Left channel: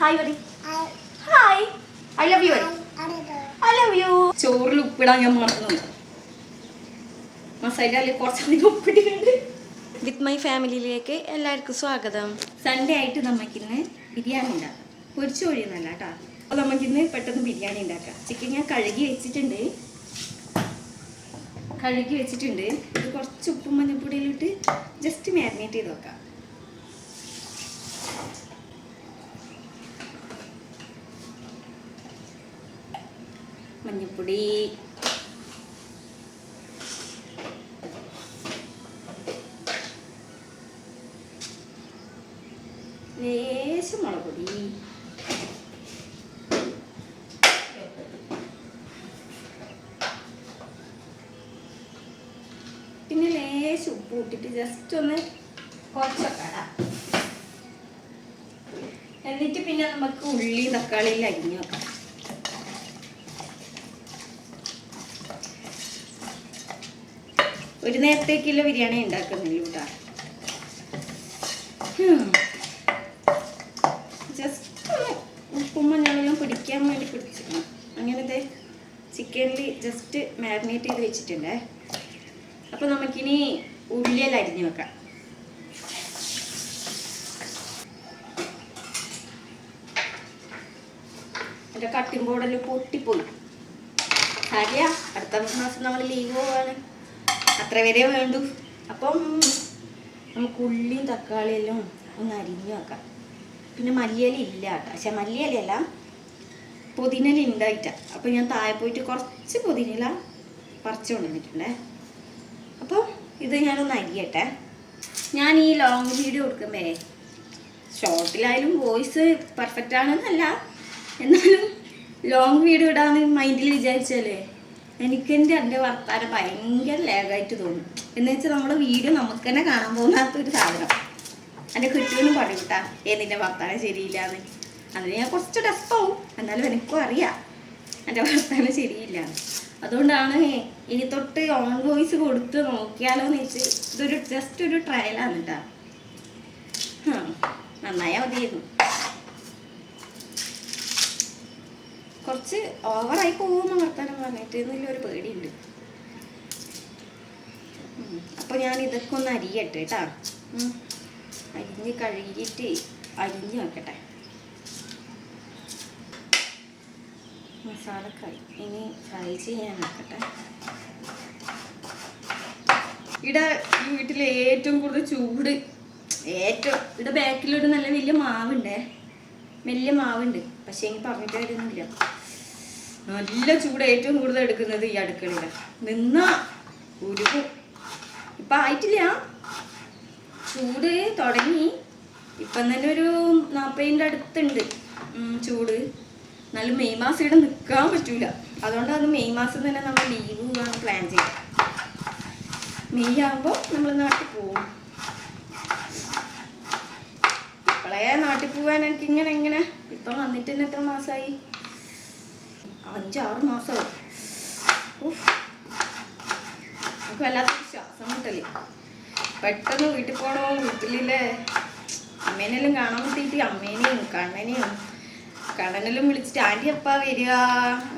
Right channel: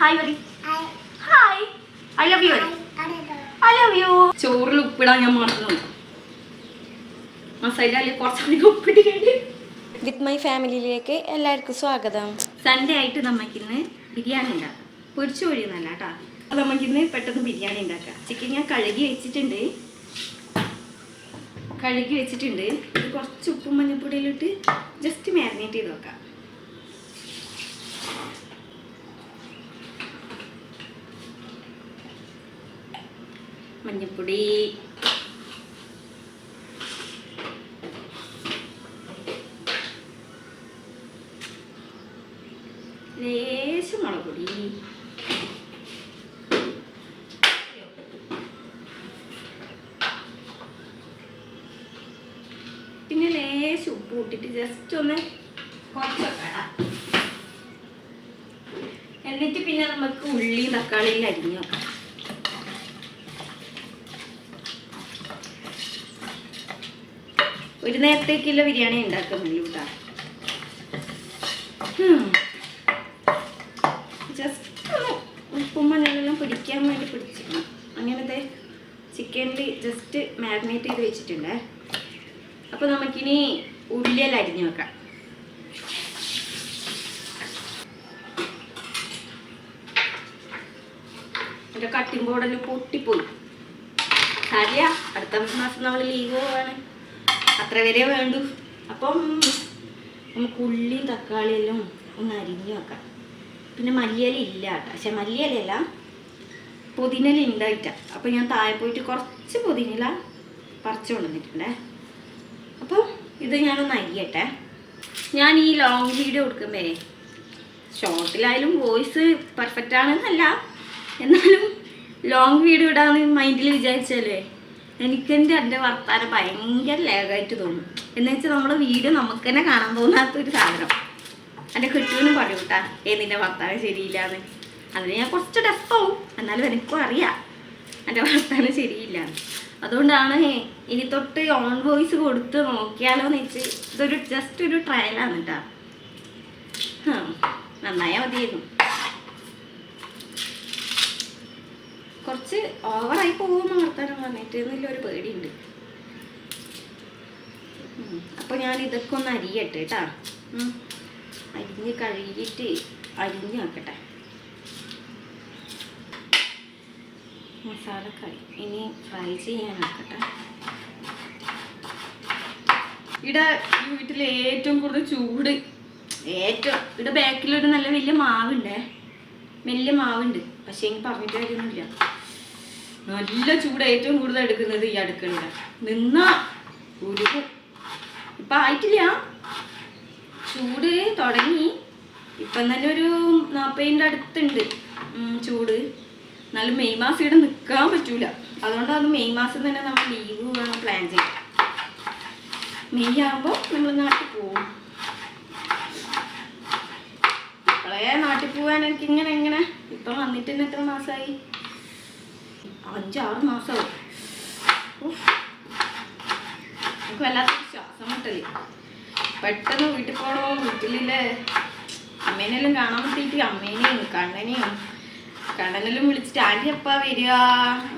Hi ഒരു hi I love you I love you ചോറിൽ ഉപ്പിടാൻ ഞാൻ മറന്നു മസാലയിൽ കുറച്ചധികം ഉപ്പിട്ടിട്ടുണ്ട് വിത്ത് മൈ ഫാമിലിയിലേക്ക് എല്ലാവർക്കും സ്വാഗതം. സൺഡേ ആയിട്ട് നമുക്കിന്ന് ബിരിയാണി ഉണ്ടാക്കാം. പൊരിച്ചു കോഴിയൊന്നല്ല കേട്ടോ അപ്പോൾ നമുക്കിന്ന് പെട്ടെന്ന് ബിരിയാണി ഉണ്ടാക്കാം. ചിക്കൻ ഞാൻ കഴുകി വെച്ചിട്ടുണ്ട്. കഴുകി വെച്ചിട്ടുണ്ട്. ഇത് കുറച്ച് ഉപ്പും മഞ്ഞൾപ്പൊടിയിലിട്ട് ജസ്റ്റ് മാരിനേറ്റ് ചെയ്ത് വെക്കാം. മഞ്ഞൾപ്പൊടി ലേശം മുളക് പിന്നെ ലേശം ഉപ്പ് ഇട്ടിട്ട് ജസ്റ്റ് ഒന്ന് കുറച്ചൊക്കെ എന്നിട്ട് പിന്നെ നമുക്ക് ഉള്ളി തക്കാളിയും അരിഞ്ഞു വെക്കാം. ഒരു നേരത്തേക്കുള്ള ബിരിയാണി ഉണ്ടാക്കുന്നുള്ളൂ കേട്ടോ. ജസ്റ്റ് ഒന്ന് ഉപ്പും മഞ്ഞളെല്ലാം പിടിക്കാൻ വേണ്ടി പിടിച്ചിരുന്നു. അങ്ങനത്തെ ചിക്കനിൽ ജസ്റ്റ് മാരിനേറ്റ് ചെയ്ത് വെച്ചിട്ടുണ്ടേ. അപ്പോൾ നമുക്കിനി ഉള്ളിയെല്ലാം അരിഞ്ഞു വെക്കാം. എന്റെ കട്ടിംഗ് ബോർഡെല്ലാം പൊട്ടിപ്പോയി. അറിയാം അടുത്ത മാസം നമ്മൾ ലീവ് പോവാണ്. അത്ര വരെ വേണ്ടു. അപ്പം നമുക്ക് ഉള്ളിയും തക്കാളിയെല്ലാം ഒന്ന് അരിഞ്ഞു വെക്കാം. പിന്നെ മല്ലിയല ഇല്ല കേട്ടോ. പക്ഷെ മല്ലിയിലല്ല പുതിനല ഉണ്ടായിട്ട. അപ്പോൾ ഞാൻ താഴെ പോയിട്ട് കുറച്ച് പുതിനല പറിച്ചു കൊണ്ടുവന്നിട്ടുണ്ടേ അപ്പോൾ ഇത് ഞാനൊന്ന് അരിയട്ടെ. ഞാൻ ഈ ലോങ് വീഡിയോ കൊടുക്കുമ്പേ ഷോർട്ടിലായാലും വോയിസ് പെർഫെക്റ്റ് ആണെന്നല്ല. എന്നാലും ലോങ് വീഡിയോ ഇടാന്ന് മൈൻഡിൽ വിചാരിച്ചാലേ എനിക്കെന്റെ എന്റെ വർത്താനം ഭയങ്കര ലാഗായിട്ട് തോന്നും. എന്ന് വെച്ചാൽ നമ്മുടെ വീഡിയോ നമുക്ക് തന്നെ കാണാൻ തോന്നാത്തൊരു സാധനം. എന്റെ കുട്ടിയൊന്നും പറയും കേട്ടാ ഏ നിന്റെ വർത്താനം ശരിയില്ലാന്ന്. അതിന് ഞാൻ കുറച്ച് ഡെസ്പാവും എന്നാലും എനിക്കും അറിയാം എന്റെ വർത്താനം ശരിയില്ല അതുകൊണ്ടാണ് ഇനി തൊട്ട് ഓൺ വോയിസ് കൊടുത്ത് നോക്കിയാലോ എന്ന് വെച്ച് ഇതൊരു ജസ്റ്റ് ഒരു ട്രയലാണ് കേട്ടാ നന്നായാൽ മതിയായിരുന്നു. കുറച്ച് ഓവറായി പോകുമെന്ന് വർത്താനം പറഞ്ഞിട്ട് എന്നുള്ള ഒരു പേടിയുണ്ട്. അപ്പൊ ഞാൻ ഇതൊക്കെ ഒന്ന് അരിയട്ടെ കേട്ടാ. അരിഞ്ഞ് കഴുകിയിട്ട് അരിഞ്ഞ് വെക്കട്ടെ. മസാലക്കറി. ഇനി ഫ്രൈ ചെയ്യാൻ വെക്കട്ടെ ഇവിടെ ഈ വീട്ടിൽ ഏറ്റവും കൂടുതൽ ചൂട്. ഏറ്റവും ഇവിടെ ബാക്കിലൊരു നല്ല വലിയ മാവുണ്ടേ. വലിയ മാവുണ്ട്. പക്ഷെ എനിക്ക് പറഞ്ഞിട്ട് കാര്യമൊന്നുമില്ല. നല്ല ചൂട് ഏറ്റവും കൂടുതൽ എടുക്കുന്നത് ഈ അടുക്കളയുടെ. നിന്ന ഉരുകും ഇപ്പൊ ആയിട്ടില്ല. ചൂട് തുടങ്ങി. ഇപ്പം തന്നെ ഒരു നാൽപ്പതിന്റെ അടുത്തുണ്ട്. ചൂട്. എന്നാലും മെയ് മാസം ഇവിടെ നിൽക്കാൻ പറ്റൂല. അതുകൊണ്ടാണ് മെയ് മാസം തന്നെ നമ്മൾ ലീവ് പ്ലാൻ ചെയ്യാം മെയ് ആകുമ്പോൾ നമ്മൾ നാട്ടിൽ പോവും. ഇപ്പോഴേ നാട്ടിൽ പോകാൻ എനിക്ക് ഇങ്ങനെ എങ്ങനെ? ഇപ്പം വന്നിട്ട് തന്നെ എത്ര മാസമായി അഞ്ചാറ് മാസമായി നമുക്ക് വല്ലാത്ത ശ്വാസം മുട്ടൽ. പെട്ടെന്ന് വീട്ടിൽ പോകണോ വീട്ടിലെ അമ്മേനെല്ലാം കാണാൻ പറ്റിയിട്ട് അമ്മേനെയും കണ്ണനെയും കണ്ണനെല്ലാം വിളിച്ചിട്ട് ആന്റി എപ്പാ വരിക?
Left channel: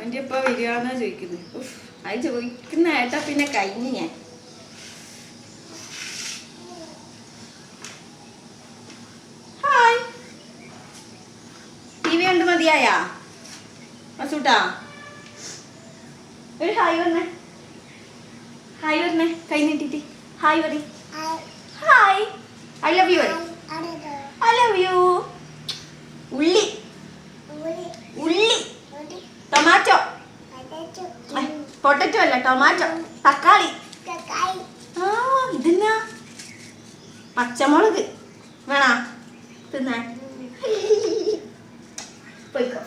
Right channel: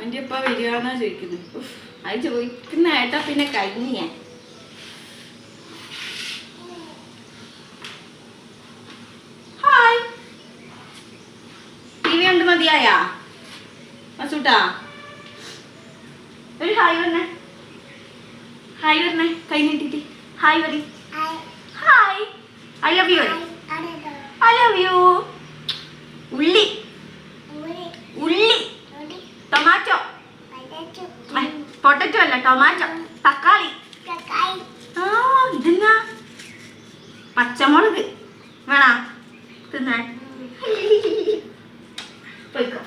ആന്റി എപ്പാ വരിക? എന്നാ ചോദിക്കുന്നത്. അത് ചോദിക്കുന്ന ഏട്ടാ പിന്നെ കഴിഞ്ഞു ഞാൻ. ഹായ് ടി വി കണ്ട് മതിയായാ? മസൂട്ടാ ഒരു ഹായ് പറഞ്ഞേ. ഹായ് പറഞ്ഞേ കൈ നീട്ടിട്ട് ഹായ് പറ hi. I love you I love you ഉള്ളി. ഉള്ളി. ടൊമാറ്റോ. പൊട്ടറ്റോ അല്ല ടൊമാറ്റോ. തക്കാളി. ആ ഇതെന്നാ? പച്ചമുളക്. വേണോ? തിന്നാൻ. പോയിക്കോ.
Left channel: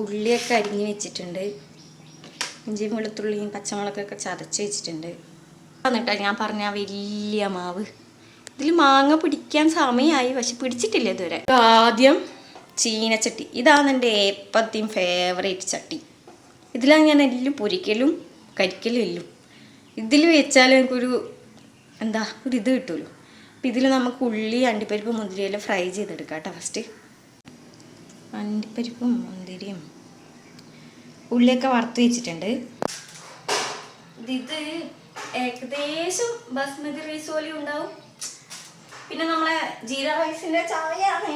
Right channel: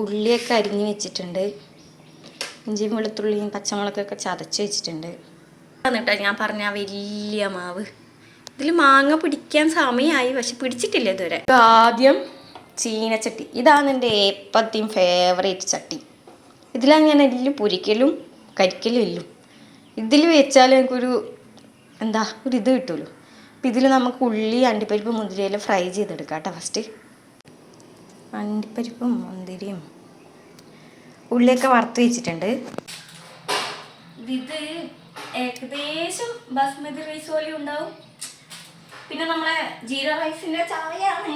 ഉള്ളിയൊക്കെ അരിഞ്ഞ് വെച്ചിട്ടുണ്ട്. ഇഞ്ചിയും വെളുത്തുള്ളിയും പച്ചമുളകൊക്കെ ചതച്ച് വെച്ചിട്ടുണ്ട്. എന്നിട്ടാ ഞാൻ പറഞ്ഞ വലിയ മാവ്. ഇതിൽ മാങ്ങ പിടിക്കാൻ സമയമായി പക്ഷെ പിടിച്ചിട്ടില്ല ഇതുവരെ. ആദ്യം ചീനച്ചട്ടി. ഇതാണ് എന്റെ എപ്പത്തെയും ഫേവറേറ്റ് ചട്ടി. ഇതിലാണ് ഞാൻ എല്ലാം പൊരിക്കലും കരിക്കലും എല്ലും. ഇതിൽ വെച്ചാൽ എനിക്കൊരു എന്താ ഒരു ഇത് കിട്ടുമല്ലോ. അപ്പം ഇതിൽ നമുക്ക് ഉള്ളി അണ്ടിപ്പരിപ്പ് മുന്തിരിയെല്ലാം ഫ്രൈ ചെയ്തെടുക്കാം കേട്ടോ ഫസ്റ്റ് അണ്ടിപ്പരിപ്പും മുന്തിരിയും. ഉള്ളിയൊക്കെ വറുത്ത് വെച്ചിട്ടുണ്ട്. ഇത് ഏകദേശം ബസ്മതി റൈസ് പോലെ ഉണ്ടാവും. പിന്നെ നമ്മളെ ജീര റൈസിന്റെ ചാവയാണ്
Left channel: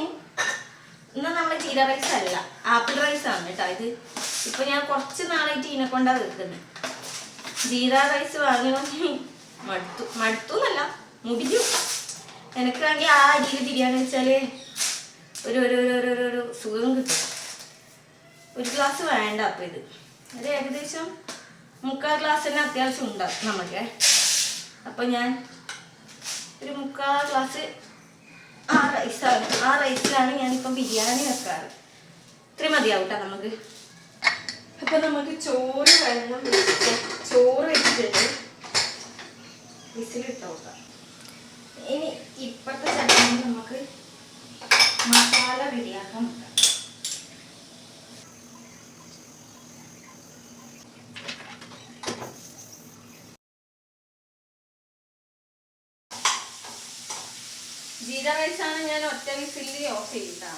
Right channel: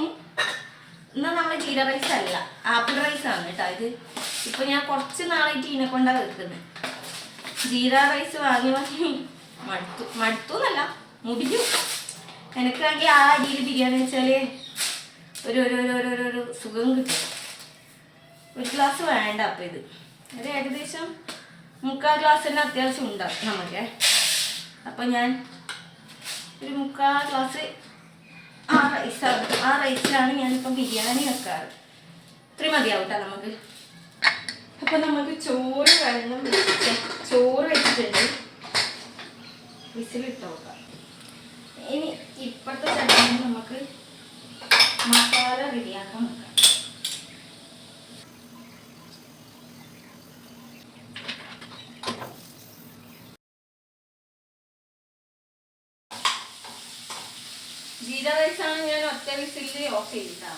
എന്നാൽ നമ്മളെ ജീര റൈസ് അല്ല ആപ്പിൾ റൈസ് ആണ് കേട്ടോ ഇത്. ഇപ്പൊ ഞാൻ കുറച്ച് നാളായിട്ട് ഇതിനെ കൊണ്ടാ വെക്കുന്നത്. ജീര റൈസ് വാങ്ങി വാങ്ങി മടുത്തു മടുത്തു എന്നല്ല മുടിഞ്ഞു. എനിക്കാണെങ്കിൽ ആ അടിയിൽ ബിരിയാണി വെച്ചാൽ ഒരു ഒരു ഒരു ഒരു ഒരു സുഖം കിട്ടും. ഒരു ഗ്ലാസ് വേണ്ട അപ്പം ഇത്. ഇത് ഏകദേശം മുക്കാൽ ഗ്ലാസ് തന്നെ അത്യാവശ്യം ഉണ്ടാക്കും നമുക്ക് അപ്പം ഞാൻ ഒരു മുക്കാൽ ഗ്ലാസ് ആ റൈസാണ് ആ റൈസിലാണ് ഞാനിപ്പം ബിരിയാണി വെക്കാറ്. ഇത്രയും മതിയാവും കേട്ടോ നമുക്ക് അപ്പം നമുക്ക് ചോറ് വെള്ളം ചോറ് വെച്ചിട്ടുണ്ട്. വിസിലിട്ട് നോക്കാം. ഇനി ഇപ്പോഴത്തെ ചട്ടി നമുക്ക് മസാല റെഡിയാക്കാൻ നോക്കാം. ജീര റൈസാണ് ഞാൻ ഒറ്റ വിസിലിൽ ഓഫ് ചെയ്താ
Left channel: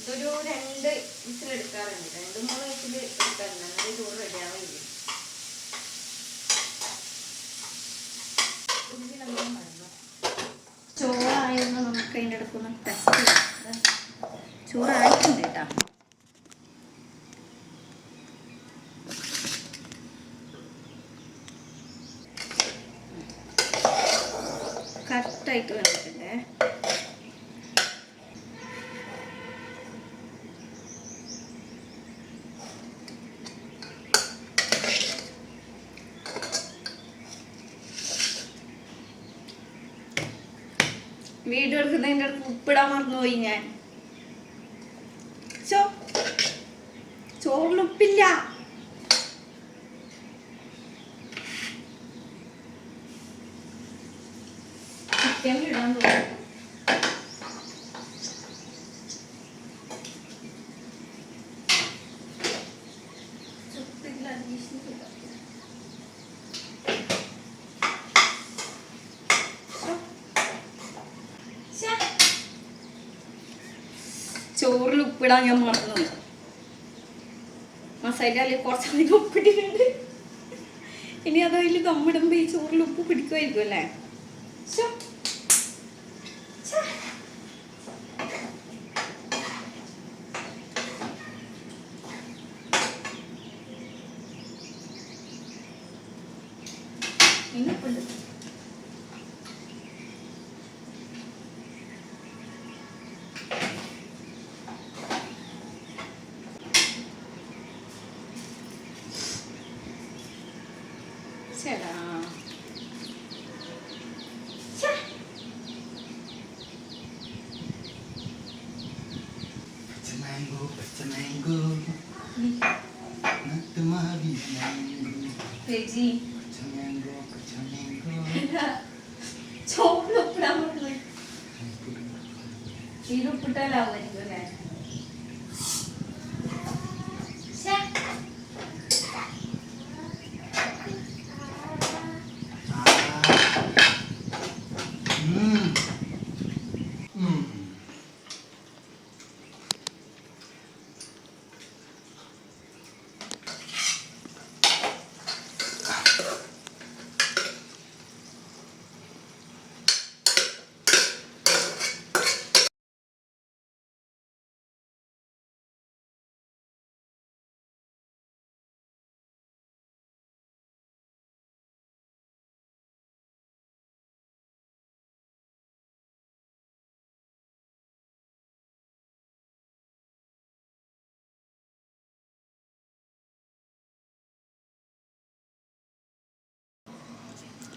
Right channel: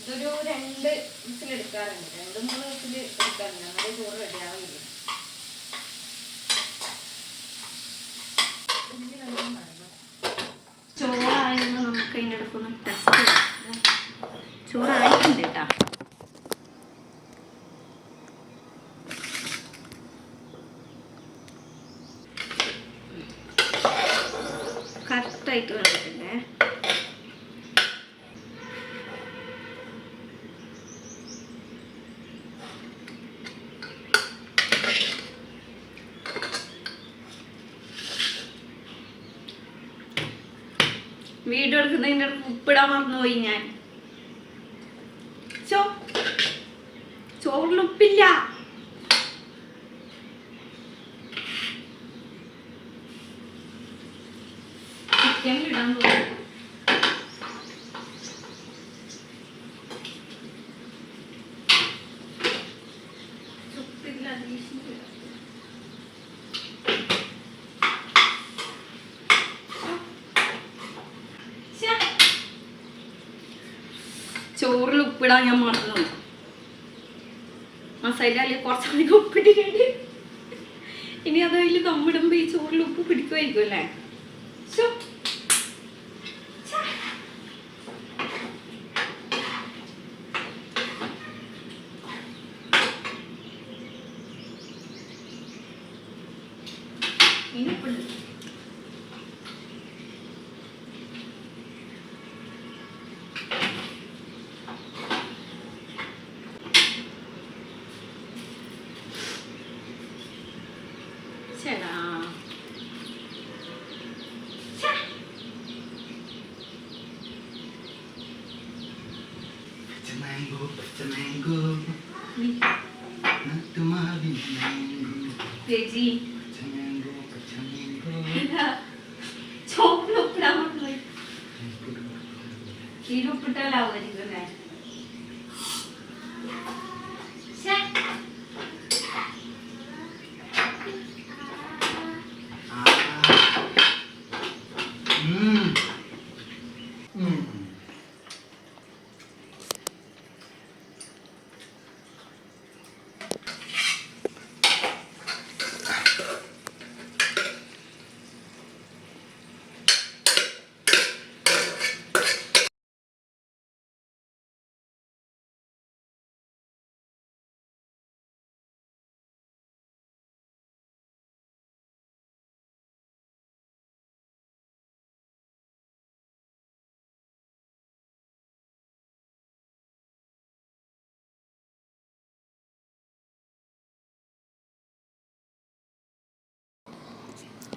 ഇതൊരു രണ്ട് വിസിൽ എടുക്കാറുണ്ട്. രണ്ട് മൂന്ന് വിസിൽ എടുക്കാറുണ്ട്. എന്നാലേ ചോറ് റെഡിയാവില്ല ചോറായിരുന്നു. നമുക്ക് അതിന്റെ അടുക്കൊന്ന് ടെസ്റ്റ് ചെയ്യാം. chú này. വീഡിയോ എടുക്കുന്നതിന്റെ ഉപ്പിടാൻ മറന്നുപോയി ഞാൻ. ചോ ചോറിൽ ഉപ്പില്ല. ചിക്കനിൽ ഇടാൻ തോന്നുന്നു ചോറിൽ ഉപ്പിടാൻ ഞാൻ മറന്നു മസാലയിൽ കുറച്ചധികം ഉപ്പിട്ടിട്ടുണ്ട് ഇനി അതതിൽ ദമ്മിടുമ്പോൾ ഈ ചോറിൽ ഉപ്പ് പിടിക്കുമായിരിക്കും അല്ലേ? 야채랑 망고 비트 망고. 나도 돼지? 비트 망고 비트 망고.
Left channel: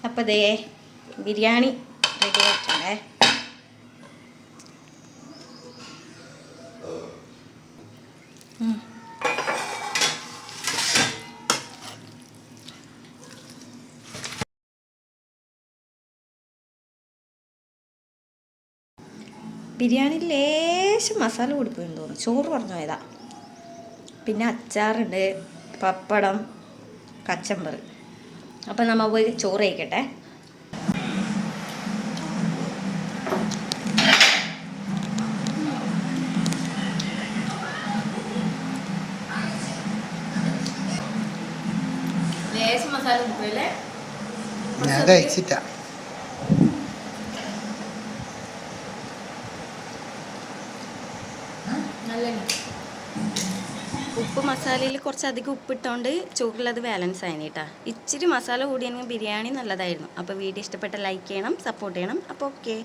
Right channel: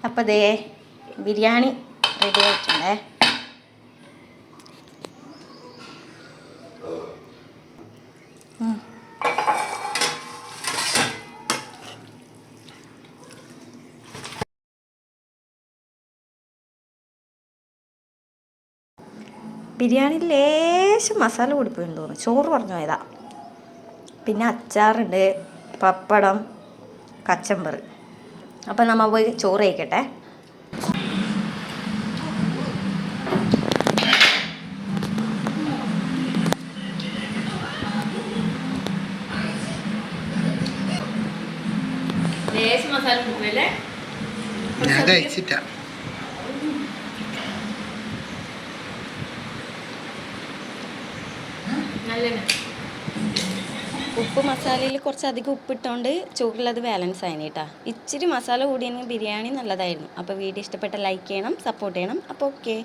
അപ്പോൾ ദേ ബിരിയാണി റെഡി ആയിട്ടുണ്ടേ. ബിരിയാണി ലേശം മസാല കൂടിപ്പോയെന്ന് തോന്നുന്നു. ചോറ് പറഞ്ഞു പോയതാ. പിന്നെ അച്ചാറുണ്ട് പപ്പടം കച്ചമ്പർ അപ്പം നമ്മൾ പോയി ചോറ് കഴിക്കട്ടെ. ഞാൻ കഴിച്ചിട്ടാ. നല്ല ഉപ്പ് മസാലയിൽ കുറച്ചധികം ഉപ്പിട്ടുകൊണ്ട് ചോറിലത് ബാലൻസ് ആയിന് കേട്ടാ ഇച്ചിരി മസാല കൂടിയെങ്കിൽ ബിരിയാണി നല്ലതായിരുന്നു. അപ്പോൾ വീഡിയോ ഇഷ്ടപ്പെട്ട ലൈക്ക് ചെയ്യണം സപ്പോർട്ട് ചെയ്യണം. അപ്പോൾ ഓക്കെ